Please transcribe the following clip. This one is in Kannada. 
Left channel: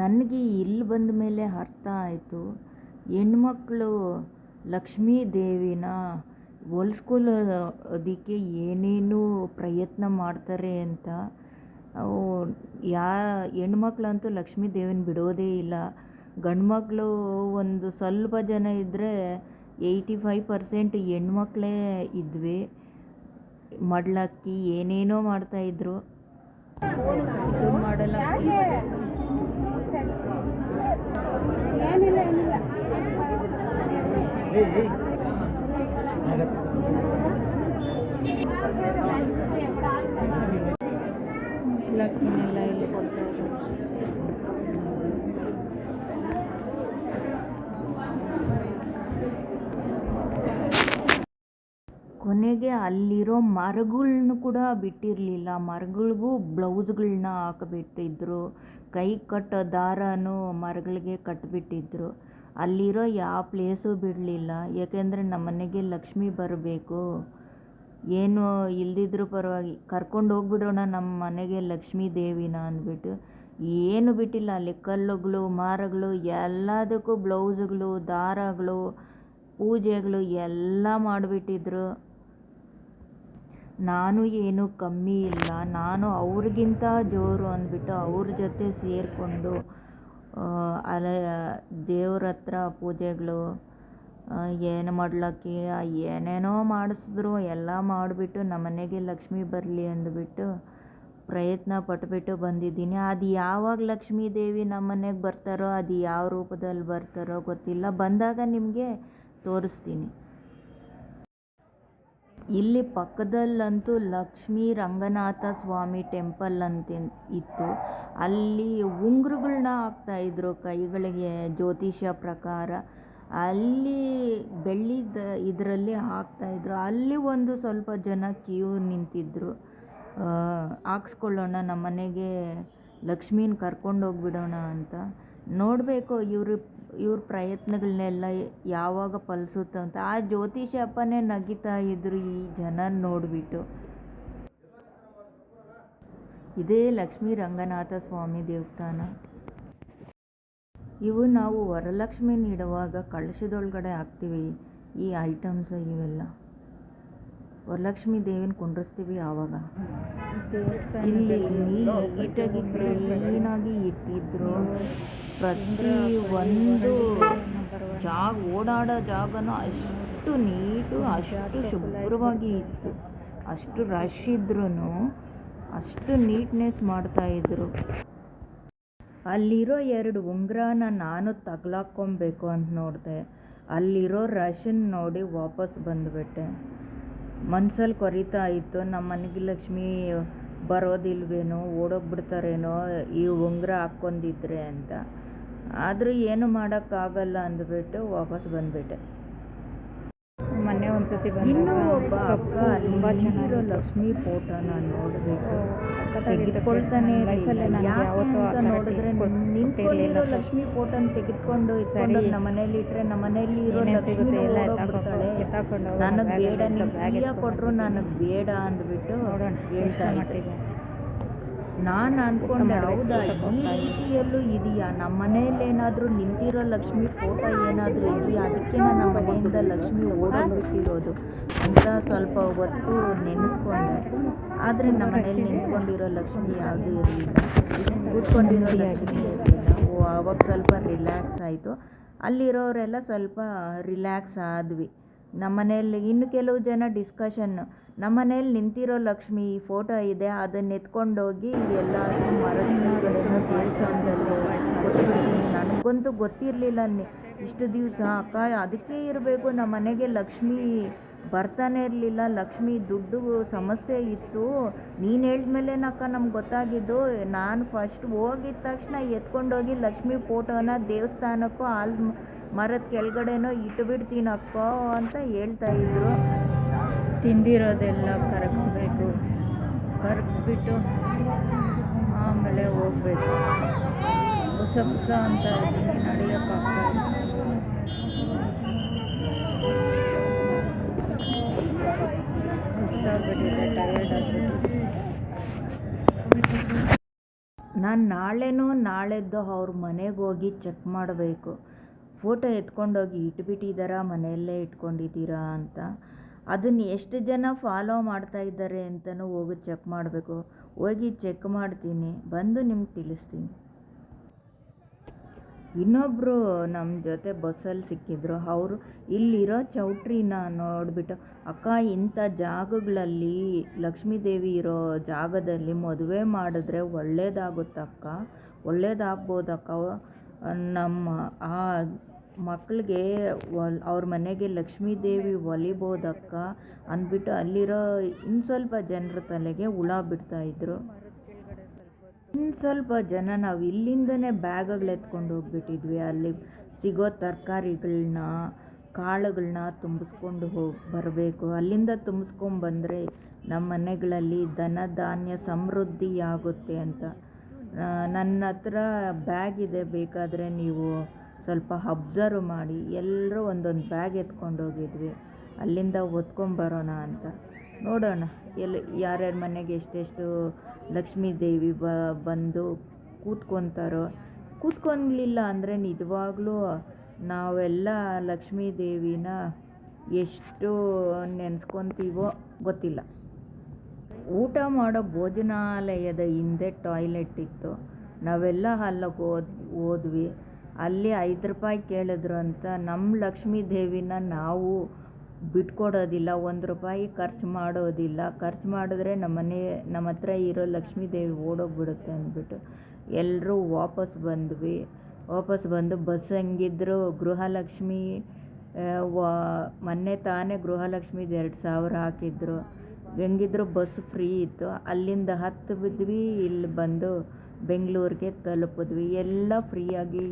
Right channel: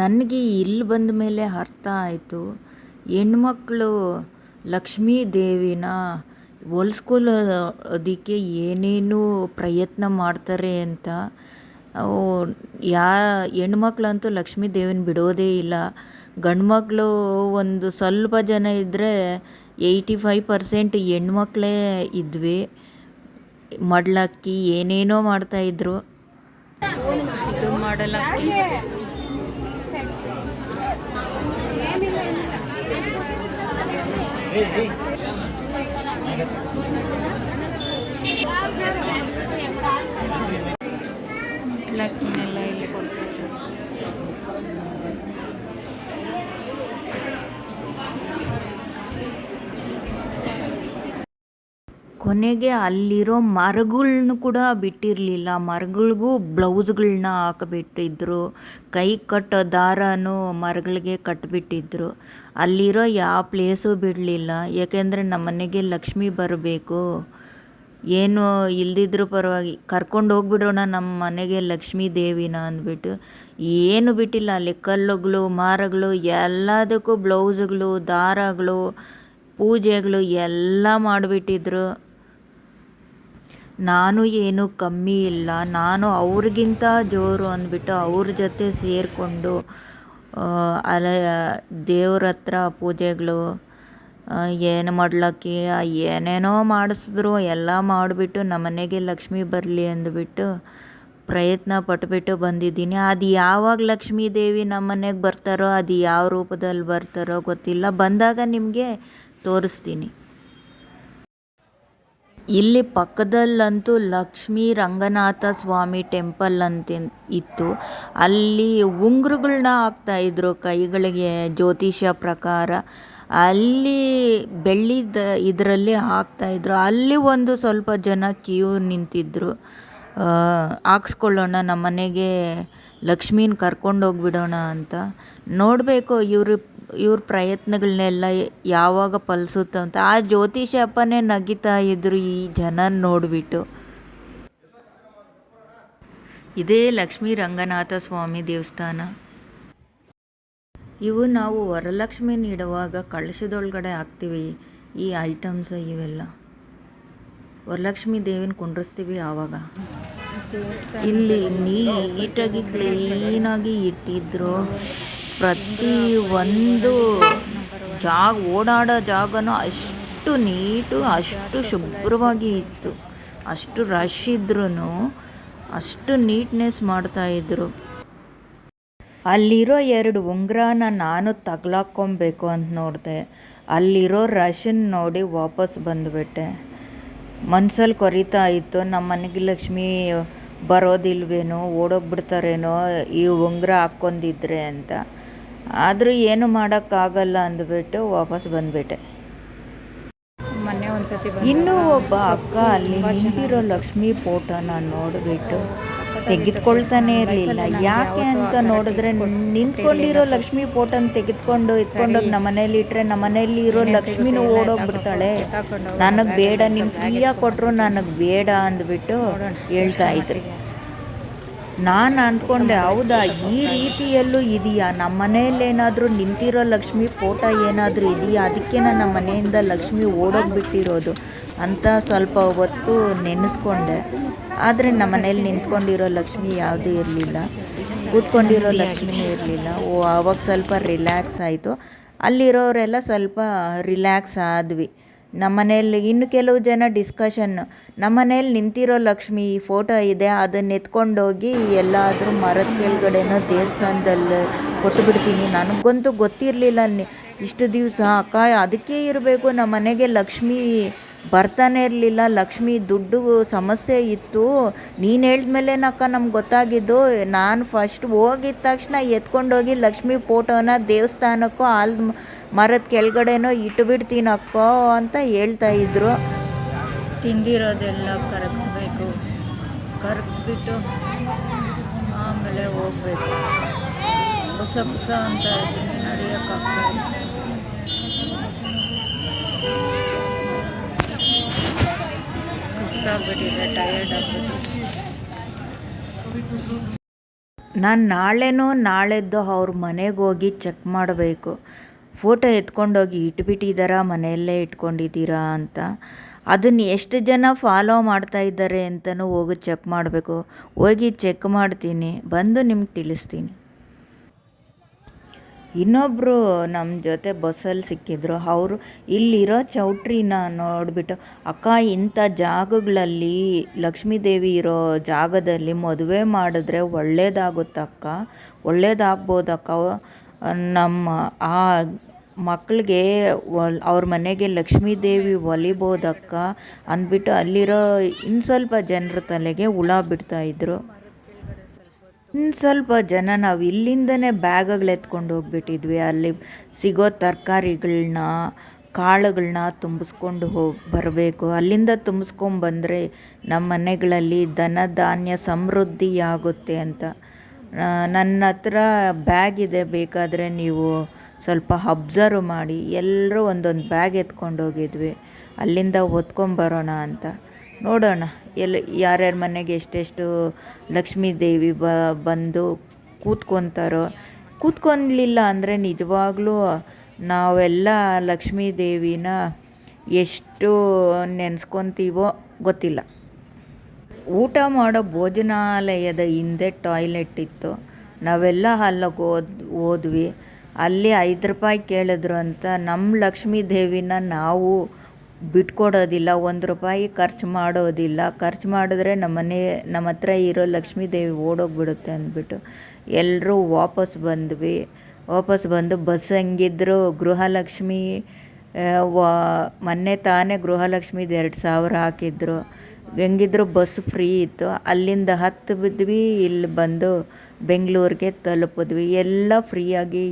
ನನಗೆ ಇಲ್ಲಿ ಬಂದ ಮೇಲೆ ಅರ್ಥ ಆಯಿತು, ಹೆಣ್ಮಕ್ಳು ಲಕ್ಷ್ಮೀ ದೇವಿನ ಹೋಲಿಸ್ಕೊಳ್ಳೋದಕ್ಕೆ ಏನೇನು ಪ್ರಯತ್ನ ಮಾಡ್ತಾರೆ ಅಂತ. ಹೆಣ್ಮಕ್ಳಂತೂ ಲಕ್ಷ್ಮೀ ದೇವಿನ ಬಿಡೋದೇ ಇಲ್ಲ. ಗಂಡ್ಮಕ್ಳು ಒಂದು ಸ್ವಲ್ಪ ಜನ ಇದ್ದರೆ 85% ಹೆಣ್ಮಕ್ಳೇ ಇದ್ವಿ. ಮಡ್ಲಕ್ಕಿ ಏನೇನೋ ಮಾಡ್ತಾಯಿದ್ರು. ಇದು ಮಾಡಲಕ್ಕಿ ಮಡ್ಲಕ್ಕಿನೆಲ್ಲ ಇಲ್ಲಿ ಕೊಡ್ತಾ ಇದ್ದಾರೆ. ಕೊನೆಗೆ ಅಲ್ಲಿರೋ ಮರಗಳ್ನು ಕೂಡ ಬಿಟ್ಟಿರಲಿಲ್ಲ. ಮರಗಳಿಗೂ ಬ್ಲೌಸ್ಗಳನ್ನ ಹಾಕಿಬಿಟ್ಟಿದ್ರು. ಕೈ ಕಟ್ಟೋ ದಾರನೂ ಮರಗಳಿಗೆ ಕಟ್ಟಿಬಿಟ್ಟಿದ್ರು. ಅಲ್ಲಿರೋ ಯಾವ ಪ್ಲೇಸು ಬಿಡಲಿಲ್ಲ. ಯಾಕೆಂದರೆ ನಮ್ಮನೆಗೆ ಲಕ್ಷ್ಮಿ ಬರಬೇಕು, ಏನು ಇಲ್ದಿದ್ರೂ ಪರವಾಗಿ ಕರ್ಕೊಂಡು ಹೋಗ್ಬಿಡೋಣ ನಮ್ಮ ಮನೆಗೆ ಲಕ್ಷ್ಮೀ ದೇವಿನ ಅಂದ್ಬಿಟ್ಟು ಏನು ಬಿಟ್ಟಿಲ್ಲ. ಅಲ್ಲಿ ಕಲ್ಲುಗಳು, ಮರಗಳು ಎಲ್ಲದಕ್ಕೂ ಬ್ಲೌಸ್ಗಳು, ದಾರಗಳು, ಪೂಜೆಗಳು ಎಲ್ಲ ಮಾಡಿಬಿಟ್ಟಿದ್ರು. ನಾನು ಏನು ಕಮ್ಮಿ ಇಲ್ಲ, ನಾನು ಅವ್ರಿಗಿಂತ ಜೋರು ಅಂದ್ಬಿಟ್ಟು ಅವ್ರ ಜೊತೆ ಸೇರಿಕೊಂಡು ದೇವ್ರ ಹತ್ರ ಪೂಜೆಗಳು ಏನು ಮಾಡ್ಲಕ್ಕಿ ಏನೇನೋ ಮಾಡಿಸಿದ್ರು. ಎಲ್ಲ ಮಾಡಿಬಿಟ್ಟು ನಮ್ಮನೆಗೆ ಲಕ್ಷ್ಮಿ ಬರಲಿ ಅಂದ್ಬಿಟ್ಟು ಪ್ರಯತ್ನ ಪಟ್ಬಿಟ್ಟು ಬಂದಿದ್ದೀನಿ. ಅದು ಯಾವಾಗ ಲಕ್ಷ್ಮೀ ದೇವಿ ನಮ್ಮನೆಗೆ ಬರ್ತಾರೋ, ಅದು ಯಾವ ರೂಪದಲ್ಲಿ ಬರ್ತಾರೋ ಗೊತ್ತಿಲ್ಲ. ಬಂದಾಗ ನಿಮಗೆ ತೋರಿಸ್ತೀನಿ. ಇಲ್ಲಿ ಪಕ್ಕದಲ್ಲಂತೂ ಲಕ್ಷ್ಮೀ ರಂಗನಾಥ ಸ್ವಾಮಿ ಟೆಂಪಲ್ ಅಂತ ಇತ್ತು. ಅಲ್ಲಿ ಉಂಗುರಗಳನ್ನ ಹಾಕ್ತಾಯಿದ್ರು ಕೈಗಳಿಗೆ ಜ್ಯೋತಿಷ್ಯ ಪ್ರಕಾರ. ಅಲ್ಲಿ ಬೆಳ್ಳಿದ ಇದರಲ್ಲಿ ಹಾಕ್ತಾಯಿದ್ರು. ಅಲ್ಲಿ ಒಂದು ಸ್ವಲ್ಪ ಜನ ಕ್ಯೂ ನಿಂತಿದ್ದರು. ಹಾಕ್ಸ್ಕೊಳ್ಳೋಣ ನಮ್ಮನೆಗೆ ಲಕ್ಷ್ಮೀನ ಕರ್ಕೊಂಡೋಗ್ಬಿಡೋಣ ಅಂತ. ನೋಡಬೇಕು ಇವ್ರ ಪ್ರಯತ್ನಗಳನ್ನೆಲ್ಲ ಯಾವಾಗ ಫಲಿಸುತ್ತೆ ಅಂತ. ಆ ಜ್ಯೋತಿಷ ಅಪ್ಪನೇ ನಗಿತಾ ಇದ್ರು ಈ ಜನ ನೋಡಿಬಿಟ್ಟು. ಇದೇ ಲಕ್ಷ್ಮೀ ರಂಗನಾಥ ಸ್ವಾಮಿ ದೇವಸ್ಥಾನ. ಇವು ನಾವು ವರಲಕ್ಷ್ಮಿನ ಇಡುವಾಗ ಕಳಶದೊಳಗಡೆ ಹಾಕ್ತೀವಿ ಈ ಐಟಮ್ಸ್. ಇವೆಲ್ಲ ವರಲಕ್ಷ್ಮಿ ದೇವಿನ ಕುಂಡ್ರಿಸ್ತೀವಿ ಆವಾಗ. ಇಲ್ಲಿ ನೀಟಾಗಿ ಕ್ಲೀನಾಗಿ ಇಟ್ಟಿದ್ರು. ಪ್ರತಿ ಒಂದು ಓಡಾಡೋ ಜಾಗನೂ ಅಷ್ಟು ನೀಟು, ಅಷ್ಟು ಶುಭ್ರವಾಗಿ ಇತ್ತು. ಅಷ್ಟು ರಶ್ ಇದ್ರೂ ಅಷ್ಟು ನೀಟ್ನೆಸ್ ಮಾಡ್ತಾಯಿದ್ರು. ಅಲ್ಲಿರೋ 2 ಉಂಗುರನ ನಾನು ತಗ್ಲಾಕ್ಕೊಬೇಕು ಅಂತ ನೋಡಿದೆ. ಅಲ್ಲಿರೋ ರಶನ್ನು ನೋಡಿ ವಾಪಸ್ ಬಂದುಬಿಟ್ಟೆ. ಮನ್ಸಲ್ಲಿ ಕೊರಿತಾ ಇತ್ತು, ನಮ್ಮ ಮನೆಗೆ ಲಕ್ಷ್ಮಿ ಬರೋದಿಲ್ವೇನೋ, ಓಡೋಗ್ಬಿಡ್ತಾರೇನೋ ಈ ಉಂಗುರ ಹಾಕ್ಕೊಂಡಿದ್ರೆ ಅಂತ. ಆದರೂ ಏನು ಮಾಡೋಕ್ಕಾಗಲ್ಲ ಅಂದ್ಬಿಟ್ಟು ವಾಪಸ್ ಬಂದುಬಿಟ್ಟೆ. ಇನ್ನೂ ಒಬ್ಬ ಅಕ್ಕ ಅಲ್ಲಿ ನಿಂತಿರೋ ಲಕ್ಷ್ಮಿ ಫೋಟೋನ ನೋಡಿಬಿಟ್ಟು ತೆಗೆದುಕೊಳ್ತಾನೆ ಇರಲಿಲ್ಲ. ಯಾಕೆ ಅಂತ ನೋಡಿದ್ರೆ, ನಿಂತ್ಕೊಂಡಿರೋ ಲಕ್ಷ್ಮಿ ಫೋಟೋನ ಎತ್ಕೊಂಡೋಗಿ ನಮ್ಮ ಮನೇಲಿ ಇಟ್ಟರೆ ನಮ್ಮ ಮನೆಯಲ್ಲಿ ಇರೋ ಲಕ್ಷ್ಮಿನೂ ಓಡೋಗ್ಬಿಡ್ತಾಳೆ. ನನಗೆ ಬೇಡ, ನೀವು ಫ್ರೀಯಾಗಿ ಕೊಟ್ಟರು ನನಗೆ ಬೇಡ ಅಂದ್ಬಿಟ್ಟು ಹೇಳ್ತಾ ಇದ್ರು. ನಾನು ಅಂದ್ಕೊಂಡೆ, ಹೌದಾ ಈ ರೀತಿಯಲ್ಲೂ ಇದೆಯಾ? ನಮ್ಮ ಮನೆಯಲ್ಲಿ ಏನಾದರೂ ನಿಂತಿರೋ ಲಕ್ಷ್ಮಿ ಫೋಟೋ ಏನಾದರೂ ಇದೆಯಾ? ಅದಕ್ಕೆ ನಮ್ಮ ಮನೆಯಿಂದ ಲಕ್ಷ್ಮಿ ಓಡೋಗ್ಬಿಟ್ಟಿರೋದು ಅಂತ ಸ್ವಲ್ಪ ಹೊತ್ತು ನೆನೆಸ್ಕೊಂಡೆ. ಆದರೆ ನಮ್ಮ ಮನೇಲಿ ನಿಂತ್ಕೊಂಡಿರೋ ಲಕ್ಷ್ಮಿ ಯಾವುದೂ ಇರಲಿಲ್ಲ, ಕೂತ್ಕೊಂಡಿರೋ ಲಕ್ಷ್ಮಿ ಇರಲಿಲ್ಲ. ಆವಾಗ ಸ್ವಲ್ಪ ರಿಲ್ಯಾಕ್ಸ್ ಆಯಿತು. ಅಲ್ಲಿರೋರೆಲ್ಲ ಸ್ವಲ್ಪ ರಿಲ್ಯಾಕ್ಸ್ ಆದ್ವಿ. ನಮ್ಮ ಮನೆಯಲ್ಲಿ ಇನ್ನು ಕೆಲವು ಜನ ಡಿಸ್ಕಷನ್ನು, ನಮ್ಮ ಮನೇಲಿ ನಿಂತಿರೋ ಲಕ್ಷ್ಮಿ ಫೋಟೋ ಇದೆ, ಅದನ್ನು ಎತ್ಕೊಂಡೋಗಿ ಎಲ್ಲಾದರೂ ಮರದ ಕೆಳಗಡೆನೋ ದೇವಸ್ಥಾನದಲ್ಲಿ ಕೊಟ್ಟುಬಿಡ್ತೀನಿ. ನನಗಂತೂ ಗೊತ್ತಿರಲಿಲ್ಲ ಇಷ್ಟು ದಿವಸ. ಅಕ್ಕ ಅದಕ್ಕೆ ಇರಬೇಕು, ನಮ್ಮ ಮನೆಗೆ ಲಕ್ಷ್ಮಿ ಬರ್ತಾನೆ ಇರಲಿಲ್ಲ, ಲಕ್ಷ್ಮಿ ದುಡ್ಡು ಸಮಸ್ಯೆ ಇತ್ತು. ನೀನು ಹೇಳಿದ್ಮೇಲೆ ಅಕ್ಕ ನಮ್ಗೆ ಗೊತ್ತಾಗಿದ್ದು. ನಾನು ಫಸ್ಟ್ ಹೋಗಿದ ತಕ್ಷಣ ಎತ್ಕೊಂಡೋಗಿ ಲಕ್ಷ್ಮಿ ಫೋಟೋನ ದೇವಸ್ಥಾನಕ್ಕೋ ಮರದ ಕೆಳಗಡೆನೋ ಇಟ್ಟುಬಿಡ್ತೀನಕ್ಕ ಅಂತ ಹೇಳ್ತಾಯಿದ್ರು. ತಿಂದಿರೋದೆಲ್ಲ ಕರಗಿಸ್ಬಿಟ್ಟು ಆಮೇಲೆ ಹೋಗಬೇಕು. ಹೊಸ ಅಂತ ನಡೆಯೋಕ್ಕಾಗ್ತಾಯಿಲ್ಲ. ಸುಸ್ತಾಗ್ಬಿಟ್ಟಿದೆ, ಟಯರ್ಡ್ ಆಗ್ಬಿಟ್ಟಿದೆ. ನಾನು ನಾಳೆದ್ದು ಅವ್ರ ಮನೆಗೆ ಹೋಗಿ ಚೆಕ್ ಮಾಡಬೇಕು. ಫೋಟೋ ಎತ್ಕೊಂಡೋಗಿ ಇಟ್ಬಿಟ್ಟಿದ್ದಾರಾ, ಮನೆಯಲ್ಲೇ ಇಟ್ಕೊಂಡಿದ್ದೀರಾ ಅಂತ. ಅದನ್ನು ಎಷ್ಟು ಜನ ಫಾಲೋ ಮಾಡ್ತಾ ಇದ್ದಾರೆ ಅಂತಲೂ ಹೋಗಿ ಚೆಕ್ ಮಾಡಬೇಕು. ಹೋಗಿ ಚೆಕ್ ಮಾಡ್ತೀನಿ, ಬಂದು ನಿಮ್ಗೆ ತಿಳಿಸ್ತೀನಿ. ಇನ್ನೊಬ್ಬರು ನಮ್ಮ ಜೊತೆ ಬಸ್ಸಲ್ಲಿ ಸಿಕ್ಕಿದ್ರು. ಅವರು ಇಲ್ಲಿರೋ ಚೌಟ್ರಿನ ನೋಡಿಬಿಟ್ಟು, ಅಕ್ಕ ಇಂಥ ಜಾಗಗಳಲ್ಲಿ ಲಕ್ಷ್ಮೀದೇವಿ ಇರೋ ಜಾಗದಲ್ಲಿ ಮದುವೆ ಮಾಡಿದ್ರೆ ಒಳ್ಳೇದಾಗುತ್ತಕ್ಕ, ಒಳ್ಳೇದಾಗ್ಬೋದಕ್ಕ, ನಮ್ಮ ಆ ಮಕ್ಕಳಿಗೆ ಅವ್ರ ಮನೆಗೆ ಲಕ್ಷ್ಮೀದೇವಿ ಒಲಿಬೋದಕ್ಕ ಅಂದ್ಬಿಟ್ಟು ಅಲ್ಲಿರೋ ಇನ್ನು ಸ್ವಲ್ಪ ಜನರ ತಲೆಗೆ ಹುಳ ಬಿಡ್ತಾಯಿದ್ರು. ಇನ್ನು ಸ್ವಲ್ಪ ಜನ ನಾವು ಇಲ್ಲಿಂದನೇ ಬ್ಯಾಗ್ಗಳು ಎತ್ಕೊಂಡು ಹೋಗ್ಬಿಟ್ಟಿದ್ವಿ. ಅಲ್ಲಿ ಸಿಗೋ ತರಕಾರಿಗಳನ್ನ, ಕಾಳುಗಳನ್ನ ತುಂಬಿಸ್ಕೊಂಡು ಬರಬೇಕು. ಅಲ್ಲಿಂದ ತುಂಬಿಸ್ಕೊಂಬಂದರೆ ನಮ್ಮ ಮನೆಗಳಲ್ಲಿ ಧನ ಧಾನ್ಯ ಸಮೃದ್ಧಿಯಾಗುತ್ತೆ ಅಂತ. ನನ್ನ ಹತ್ರ ಬ್ಯಾಗ್ ಇದೆ, ಬೇಕಾದರೆ ನೀವು ಸ್ವಲ್ಪ ಅಬ್ಸರ್ವ್ ಮಾಡಿ. ಎಲ್ಲರೂ ಒಂದೊಂದು ಬ್ಯಾಗ್ ಎತ್ಕೊಂಡು ಹೋಗಿದ್ವಿ, ಅಲ್ಲಿಂದ ಹೊತ್ಕೊಂಬರೋಣ ಅಂತ. ನೋಡೋಣ ಯಾರ್ಯಾರ ಮನೆಗೆ ಎಷ್ಟೆಷ್ಟು ಲಕ್ಷ್ಮೀ ದೇವಿ ಬಂದು ಕೂತ್ಕೊತಾರೋ. ಕೂತ್ಕೊಲಿಲ್ಲ ಅಂದರೆ ನಿಜವಾಗ್ಲೂ ನಾವೆಲ್ಲ ಲಕ್ಷ್ಮೀ ದೇವಿನ ಎಷ್ಟು ನೆನೆಸ್ಕೊತೀವೋ ಗೊತ್ತಿಲ್ಲ. ಊಟ ಮಾಡೋ ಭೋಜನಾಲಯದ ಹಿಂದೆ ಟಾಯ್ಲೆಟ್ ಇತ್ತು. ನಾವೆಲ್ಲ ಅಲ್ಲಿಗೆ ಹೋದ್ವಿ. ಅಲ್ಲಿ 5 ರೂಪಾಯಿ ಕೇಳಿದ್ರು ಅಂತ ನಮ್ಮ ಲಕ್ಷ್ಮೀ ದೇವಿನ ನಾವು ಬಿಟ್ಕೊಡೋದಿಲ್ಲ, 1 ರೂಪಾಯಿ ಖರ್ಚು ಮಾಡೋದಿಲ್ಲ. ಖರ್ಚು ಮಾಡಿದ್ರೆ ನಮ್ಮ ಹತ್ರ ಇರೋ ಲಕ್ಷ್ಮೀ ದೇವಿ ಓಡೋಗ್ಬಿಡುತ್ತೆ ಅಂದ್ಬಿಟ್ಟು ಎಲ್ಲರೂ ವಾಪಸ್ ಬಂದು ಬಸ್ ಹೆಂಗಿದ್ರು ಗೃಹಲಕ್ಷ್ಮಿ ಮೊನ್ನೆ ತಾನೇ ಗೃಹಲಕ್ಷ್ಮಿದು 2000 ಹಾಕಿದ್ರು. ಹೆಂಗಿದ್ರು ಬಸ್ ಫ್ರೀ ಇತ್ತು. ಅಲ್ಲಿಂದ ಹತ್ತಿದ್ವಿ, ಇಲ್ಲಿ ಬಂದು ಬೆಂಗಳೂರಿಗೆ ತಲುಪಿದ್ವಿ. ಎಲ್ಲ ಫ್ರೀಯಾಗಿ